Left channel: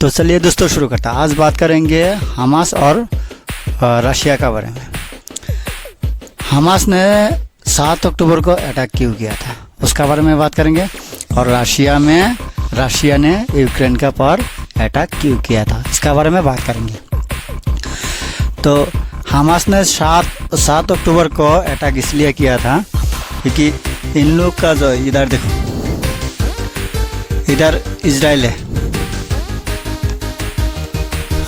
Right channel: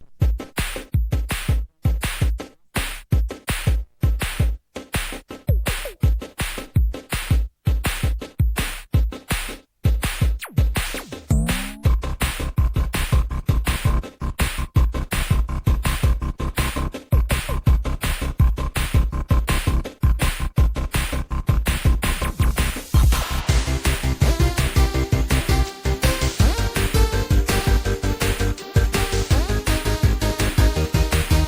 तो चलिए दोस्तों शुरू करता है। आज बात करेंगे हमास और रशिया का बारे में। हमास ने 7 अक्टूबर को अटैक क्यों किया था उसका बारे में बात करेंगे, और रशिया ने यूक्रेन का पर अटैक क्यों किया था इसका बारे में बात करेंगे। तो हमास ने 7 अक्टूबर को अटैक इसलिए किया था क्योंकि इन लोग का जो इधर देखो, इधर इजराइल है,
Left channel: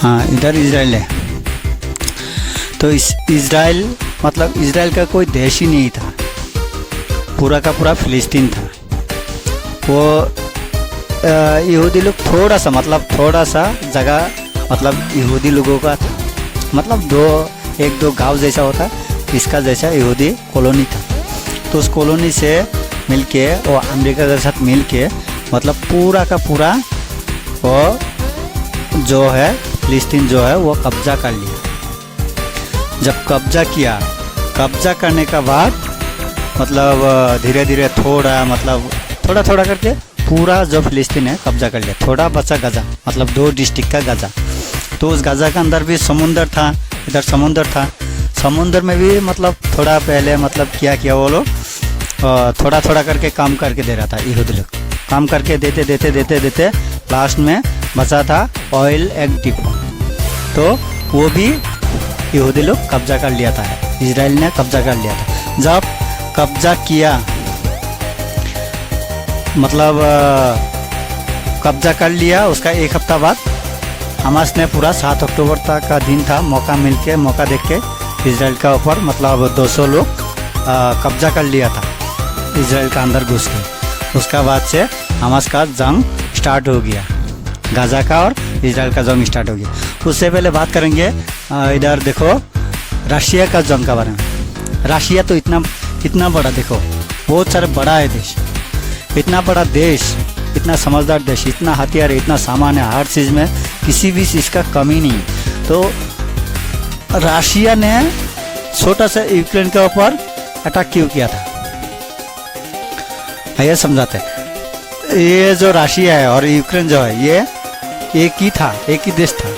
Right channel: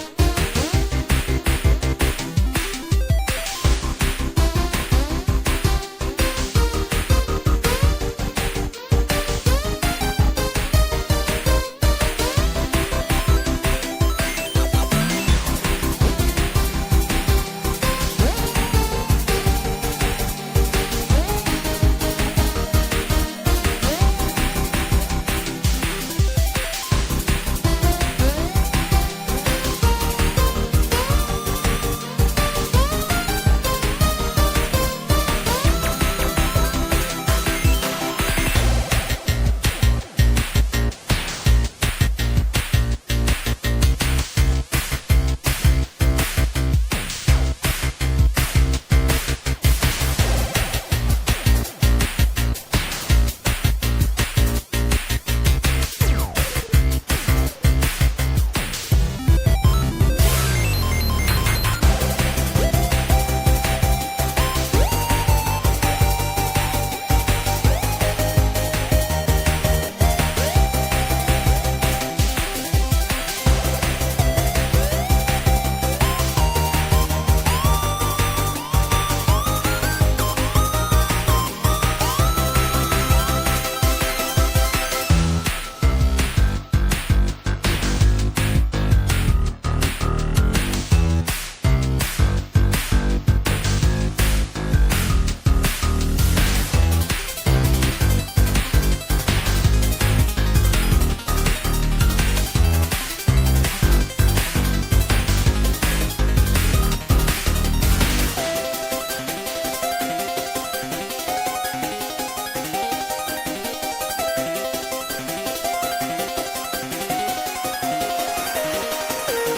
हाँ इधर इजराइल है। तो इस इजराइल मतलब इजराइल का कोई देश ही नहीं था, पूरा का पूरा फिलिस्तीन था। वो यहूदी लोग थोड़ा सा जगह मतलब यहूदी लोगों का था, मतलब एक दो गांव जैसा होता इसका जैसा यहूदी कॉलोनी था। तो उस कॉलोनी से मिलके वो अमेरिका के साथ मिलके मतलब पूरा का पूरा वो जो है फिलिस्तीन जो है वो कब्जा कर लिया। जब कब्जा करने का बाद मतलब धीरे धीरे थोड़ा करके पूरा जो फिलिस्तीन है कब्जा कर लिया। थोड़ा बचा गाजा, मतलब 2 डिस्ट्रिक्ट का गाजा। तो उस गाजा के अंदर भी समुंदर था, इधर समुंदर था। समुंदर में भी मतलब थोड़ा पहले मतलब किया वो लोग थोड़ा करके काम करके दे रहा था। यहूदी लोग काम करके देते लास्ट में बचा था ऑयल एंड टिप। तो वो भी यहूदी लोग कब्जा कर लिया था, इजराइल ने कब्जा कर लिया था। जब कब्जा किया मतलब कब्जा कर लिया, उसका 1 हफ्ता बाद हमास ने पूरा 7 अक्टूबर तक का दिन था, मौका देख के इजराइल का ऊपर मतलब 200 लोग कब्जा कर लिया था इजराइल का अंदर घुस के। उसका बाद से हमास का जंग स्टार्ट हो गया, गाजा का और इजराइल का जंग स्टार्ट हो गया। तो उससे पहले बात करेंगे इधर देखो रशिया का जंग के बारे में। रशिया तो इतना बड़ा, देखो बहुत सारा बड़ा है देश, इतना बड़ा देश, इतना समझदार देश, इतना हथियार, इतना सामान है, हर चीज़ में किसी भी चीज़ का कमी नहीं है। तो रशिया ने छोटा सा यूक्रेन के ऊपर अटैक क्यों किया था ये समझाते हैं। ये जो रशिया है और यूक्रेन जो है ये एक ही देश था।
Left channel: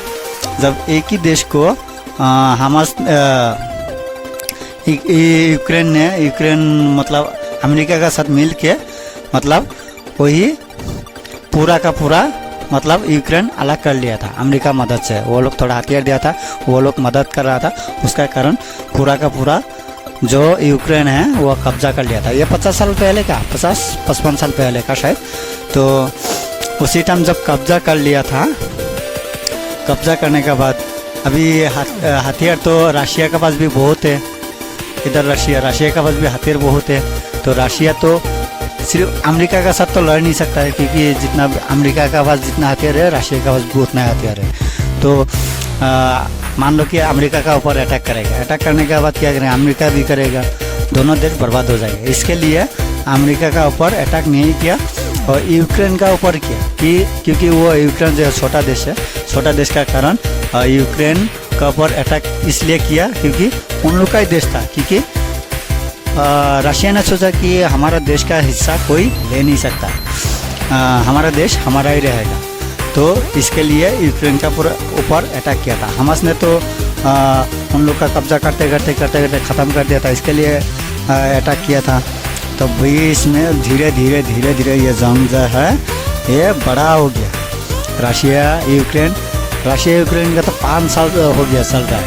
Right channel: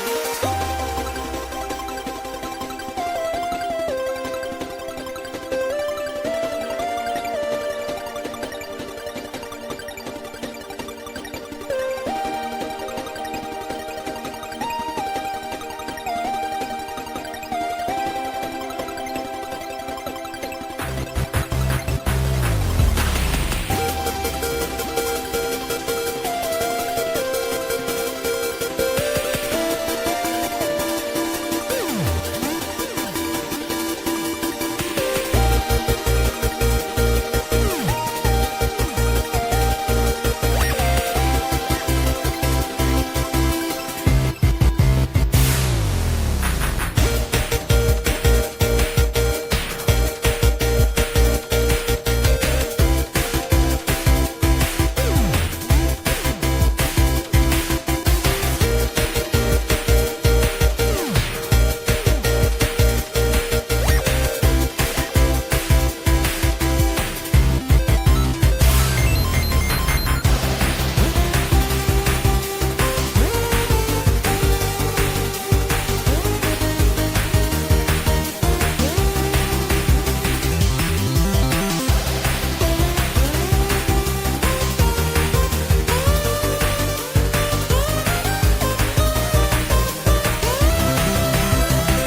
जब एक ही देश को हमास यूक्रेन मतलब अमेरिका का साथ मिल के मतलब वही पूरा का पूरा मतलब यूक्रेन अलग कर लिया था अमेरिका मदद से। वो लोग थोड़ा हथियार दिया था, वो लोग मदद कर रहा था, उसका कारण पूरा का पूरा जो यूक्रेन है वो कब्जा कर लिया था। ये 50 साल पहले का, 50-55 साल पहले का शायद। तो उसी टाइम जब कब्जा कर लिया था, कब्जा करने के बाद अभी हथियार तो रशिया के पास भी बहुत है। इधर रशिया के पास भी हथियार बहुत है। तो रशिया तो सिर्फ अमेरिका का साथ तो लड़ नहीं सकता है, क्योंकि जितना अमेरिका का पास जितना हथियार है रशिया का पास भी उतना हथियार है। तो मान लो कि अमेरिका का ऊपर अटैक करेगा, अटैक करने के बाद क्या करेंगे, अमेरिका भी करेगा, दोनों देश बर्बाद हो जाएंगे। इसके लिए अमेरिका का ऊपर अटैक नहीं किया और यूक्रेन का ऊपर किया, क्योंकि वो यूक्रेन जो छोटा देश है, छोटा देश का कारण यूक्रेन का ऊपर अटैक इसलिए किया क्योंकि उन लोग का ही देश था। क्योंकि रशिया ने सोचा कि हमारा देश का हिस्सा कोई ले नहीं सकता, हमारा देश हमारा ही रहेगा। तो इसके लिए यूक्रेन का पूरा ऊपर अटैक किया था। हमास ने तो उन लोग का कब्जा करते ख़त्म कर दिया था, इसके लिए अटैक किया था। तो बीच में धीरे धीरे ये जंग जो है ये बड़ा हो गया। रशिया यूक्रेन का तो 5 साल हो गया चल रहा है,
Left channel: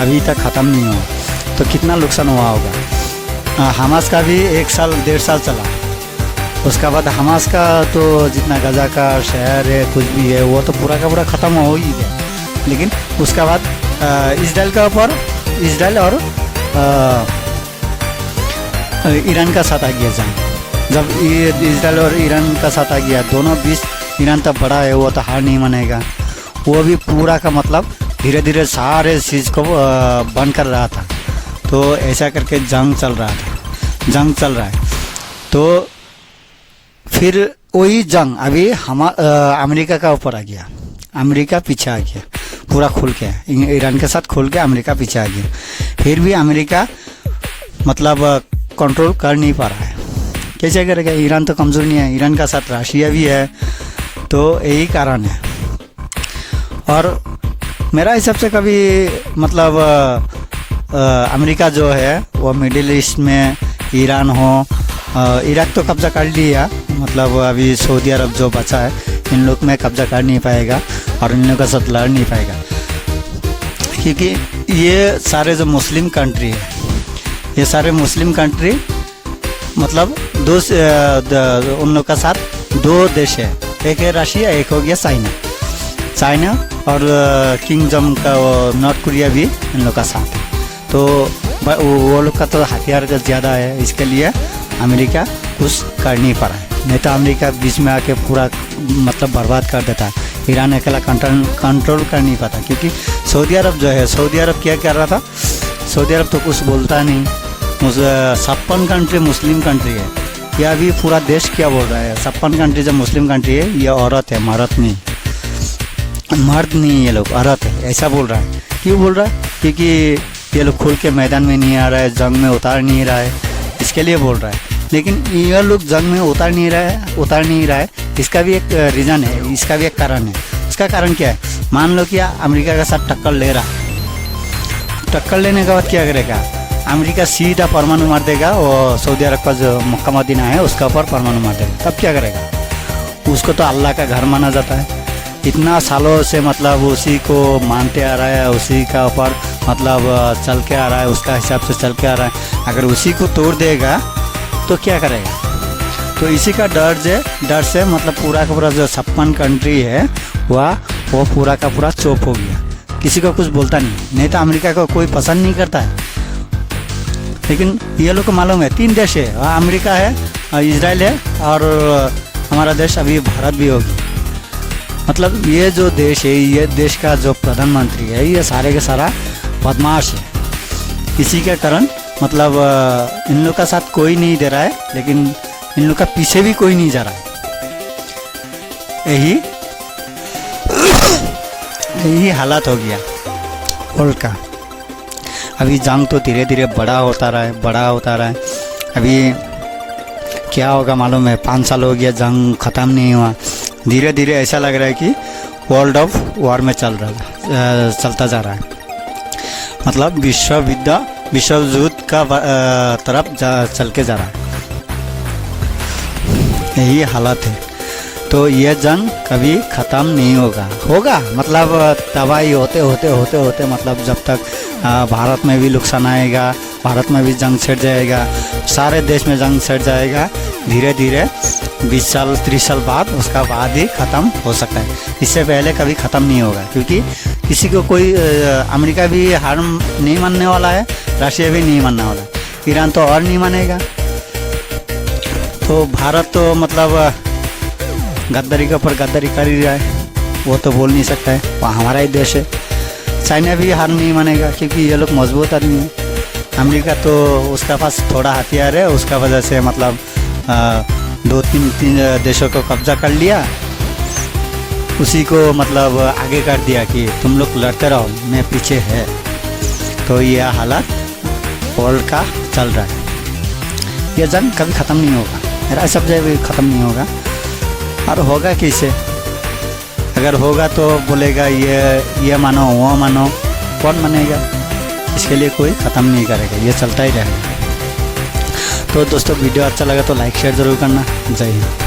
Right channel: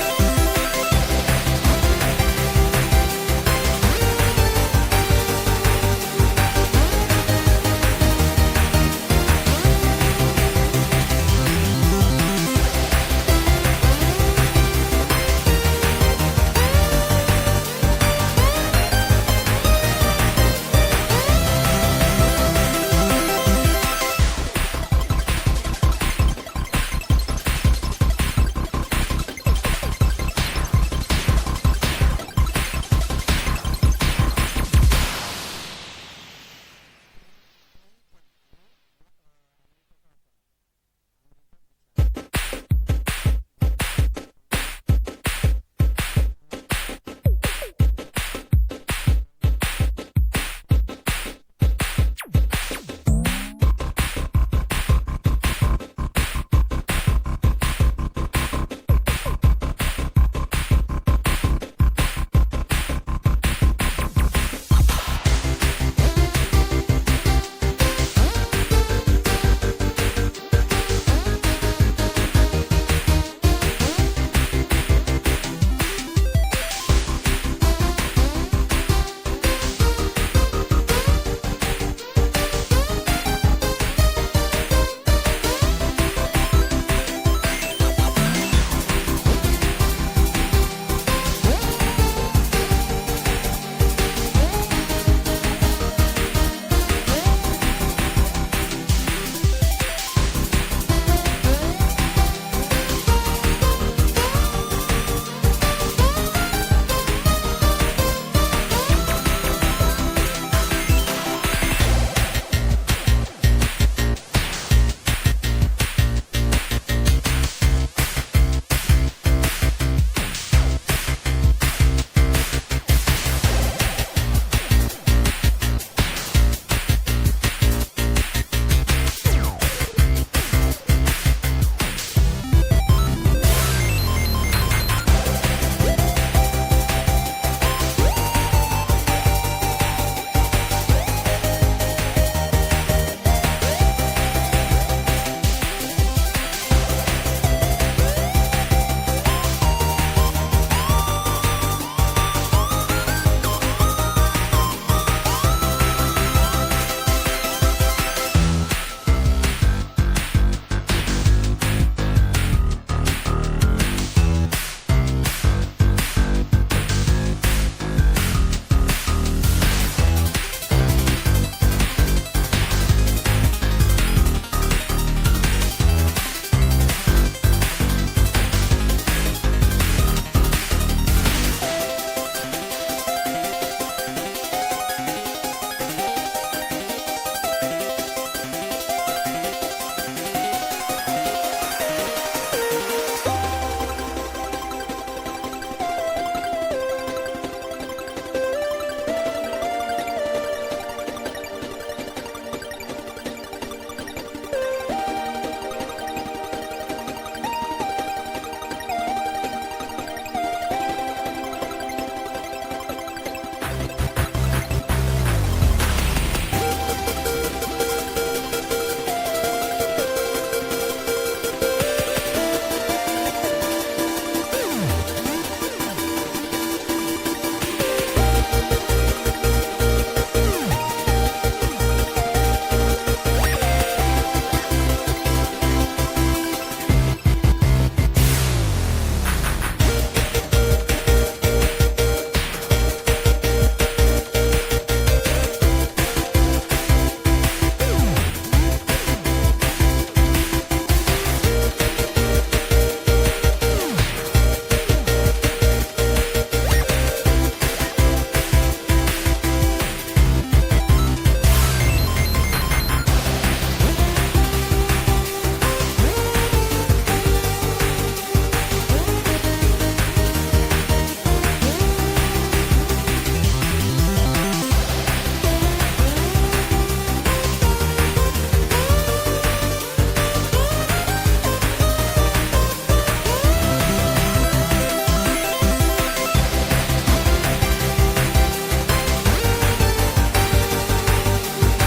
अभी तक ख़त्म नहीं हुआ। तो कितना नुकसान हुआ होगा। हमास का भी 1 साल 1.5 साल चला। उसका बाद हमास का तो जितना गाजा का शहर है कुछ भी है वो तो पूरा का पूरा ख़त्म हो ही गया। लेकिन उसका बाद इजराइल का ऊपर इजराइल और ईरान का साथ आ गया। जब इजराइल और ईरान का साथ आ गया, दोनों बीच ईरान तो बड़ा है, वो तो हार नहीं मानेगा। वो भी पूरा का मतलब धीरे धीरे सारे चीज़ को बंद कर रहा था। तो ऐसा करके जंग चल रहा है। तो फिर वही जंग अभी अमेरिका का ऊपर आ गया, अमेरिका पीछे आ गया पूरा खुल के, ईरान के साथ खुल के अमेरिका पीछे आ गया। फिर भी अमेरिका मतलब कंट्रोल कर नहीं पा रहा है। कैसे करेगा, ईरान तो कमज़ोर नहीं है, ईरान का साथ रशिया भी है, तो यही कारण है। और मेरा हिसाब से कभी मतलब अमेरिका जो है वो मिडिल ईस्ट में ईरान हो, इराक तो कब्जा कर लिया, मतलब अभी सऊदी अरब जो बचा है इन लोग में कब्जा कर नहीं पाएगा और इन लोग का साथ लड़ नहीं पाएगा, क्योंकि ये सारे जो मुस्लिम कंट्री है, ये सारे मुस्लिम कंट्री मतलब उन लोग का साथ दो देश है, एक है रशिया, एक हो गया चाइना और किंगडम का नॉर्थ कोरिया भी इन लोग का साथ। तो वो लोग का तो हथियार ज़्यादा है, इसके लिए अमेरिका कुछ कर नहीं पा रहा है। नहीं तो अमेरिका बीच में आके पूरा मतलब बर्बाद कर देता, ईरान अकेला कंट्रोल कर नहीं पाता, क्योंकि सऊदी अरब जो है, सऊदी अरब क्या कर रहा था, सऊदी अरब तो कुछ बोलता नहीं, 56 कंट्री मुस्लिम कंट्री है, यह अभी पूरा देश क्या बोल रहा है, 56 कंट्री जब मुस्लिम कंट्री है, ये औरत है, मर्द नहीं, ये लोग औरत है, ऐसा बोल रहा है। क्यों बोल रहा है? क्योंकि ये लोग खुल के मैदान में नहीं आ रहा है, जंग में उतार नहीं रहा है, इसके लिए बोल रहा है। लेकिन ये लोग जंग में उतार नहीं रहा है, इसका भी एक रीज़न है, इसका भी एक कारण है। इसका कारण क्या है? मान लो कि अमेरिका के साथ टक्कर ले रहा है, टक्कर लेने के बाद क्या करेगा? अमेरिका सीधा परमाणु मार देगा, और सऊदी अरब का जो मक्का मदीना है उसका ऊपर परमाणु मार देगा, तब क्या करेगा? उसको तो अल्लाह का घर माना जाता है, इतना सालों से मतलब उसी को मानते आ रहा है, उसी का ऊपर मतलब चल के आ रहा है, उसका हिसाब से चल के आ रहा है। अगर उसी को तोड़ देगा तो क्या करेगा? तो इसी का डर से मतलब पूरा का पूरा जो 56 कंट्री है वो पूरा का पूरा चुप हो गया, किसी को कुछ बोलता नहीं तो अमेरिका को कोई पसंद नहीं करता है। लेकिन ये लोग को मालूम है 3 देश है, अमेरिका है, इजराइल है और हमारा देश अभी भारत भी होगा। मतलब ये जो देश है, ये देश का जो प्रधानमंत्री है, ये सारे के सारा बदमाश है। इसी के कारण मतलब इन लोग का साथ कोई नहीं दे रहा है, लेकिन इन लोग का पीछे भी कोई नहीं जा रहा है। यही हालत हो गया वर्ल्ड का। अभी जंग तो धीरे धीरे बड़ा होता रहा है। अभी क्या होगा मालूम है, 5 साल हो गया जंग ख़त्म नहीं हुआ। धीरे धीरे ऐसा लग रहा है कि वर्ल्ड ऑफ वॉर में चलता जा रहा है, मतलब विश्व युद्ध का तरफ चल के जा रहा है, यही हालत है। तो ये जंग कभी ख़त्म नहीं होगा मतलब तबाही होते मतलब जब तक भारत में भी नुकसान आएगा, भारत में भी जंग छिड़ जाएगा, सारे देश में जंग छिड़ जाएगा, धीरे धीरे 20 साल 30 साल बाद उसका बाद ही ख़त्म हो सकता है, इससे पहले कभी ख़त्म नहीं होगा। क्योंकि किसी को कोई अमेरिका भी हार नहीं मानने वाला है, रशिया भी नहीं मानने वाला, ईरान तो और नहीं मानेगा। तो भारत तो मतलब गद्दारी के ऊपर गद्दारी कर ही रहा है, वो तो बोल नहीं सकता है, वो हमारा ही देश है। चाइना भी हार नहीं मानेगा, क्योंकि ये लोग मजबूत आदमी है। अमेरिका तो उसका पास थोड़ा हथियार है, उसका वजह से मतलब 2-3 देशों को कब्जा कर लिया, उसी को मतलब आगे कर दिया कि तुम लोग लड़ते रहो, मैं पीछे है। तो यह हालत वर्ल्ड का चल रहा है। यह जंग कभी ख़त्म नहीं होगा, मेरा सब जगह ख़त्म नहीं होगा। और होगा कैसे? अगर होगा तो बोलेगा ये मानो वो मानो, कौन मानेगा? इसके लिए कोई ख़त्म नहीं करेगा, ये चलता ही रहेगा। तो दोस्तों वीडियो अच्छा लगा तो लाइक शेयर ज़रूर करना। जय हिंद।